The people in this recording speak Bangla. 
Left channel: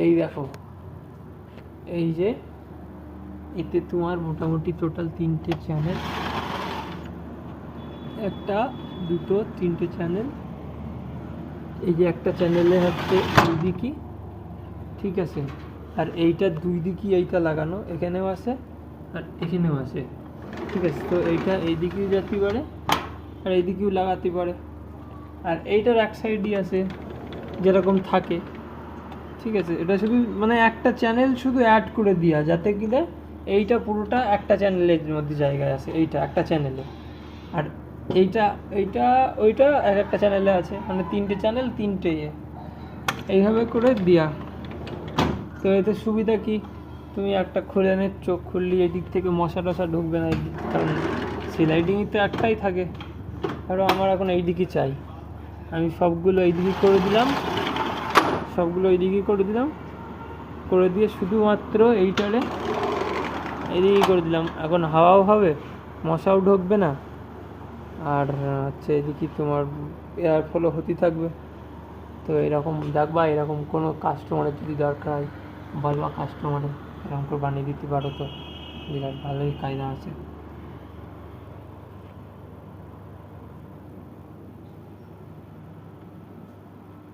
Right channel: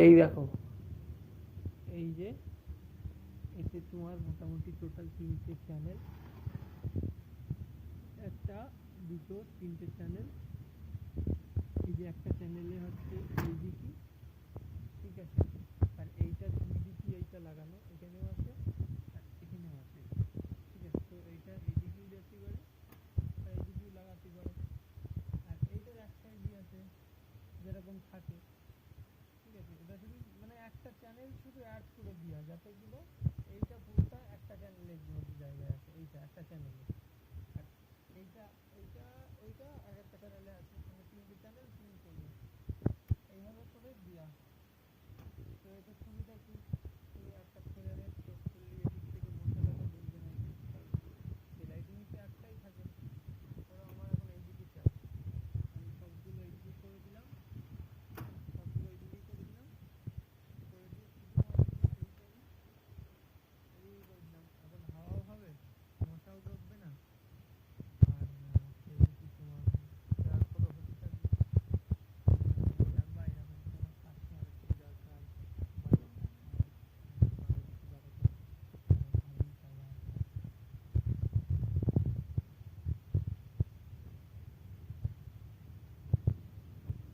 এই দেখো, এই যে এতে তোমার মোটামুটি টোটাল 3টে চ্যানেল, 1 2 3টে চ্যানেল। এই যে একটা চ্যানেলে হচ্ছে দুই দিকই, ঠিক আছে, আর এইটা দুই দিকই এইটা লাগানো, এখানেও আছে আর এখানেও আছে, ঠিক আছে। তো এইটা এই দিকেও যেতে পারে আর এই দিকেও লাগাতে পারে, আর এইটার এক সাইডই আছে যেরকম থাকে, ঠিক আছে। এটা শুধু মানে একটা চ্যানেল শুধু অ্যাড করে দেওয়া, যাতে কিনা এইটা পুরোটা একটা চ্যানেলের মধ্যে জায়গায় আছে, এইটা একটা চ্যানেলে, আর এইটা এইটা ওইটা এক একটা চ্যানেলে আছে, মানে 3টে চ্যানেল 3টে এইভাবে করে দেওয়া। তো এতে সুবিধা কি, তুমি একটা খুলে নে, চোখ খুললি এদিক থেকে মশা টশা ঢুকবে না, এদিক, কারণ সিলাইডিংই তো একটাই থাকে। ধরো আমার এখন এই দিকই চাই, আমি সবগুলো এই দিকে করে দিলাম, সবগুলো এই দিকে করে দিলাম, করে দিয়ে শুধুমাত্র এইটারে এদিকেই করে দিলাম। এখন হাওয়াও হবে, মশাও ঢুকবে না, আর হচ্ছে এদিকে তোমার এয়ার ফ্লো হতে থাকবে। তো এরকম দেখবা, এরকম কোনো কাস্টমারের যদি দরকার হয় বলবা, কাস্টমারে এরকম করে বানিয়ে দিতে পারো, তো বিরাট ভালোই কায়দা আছে।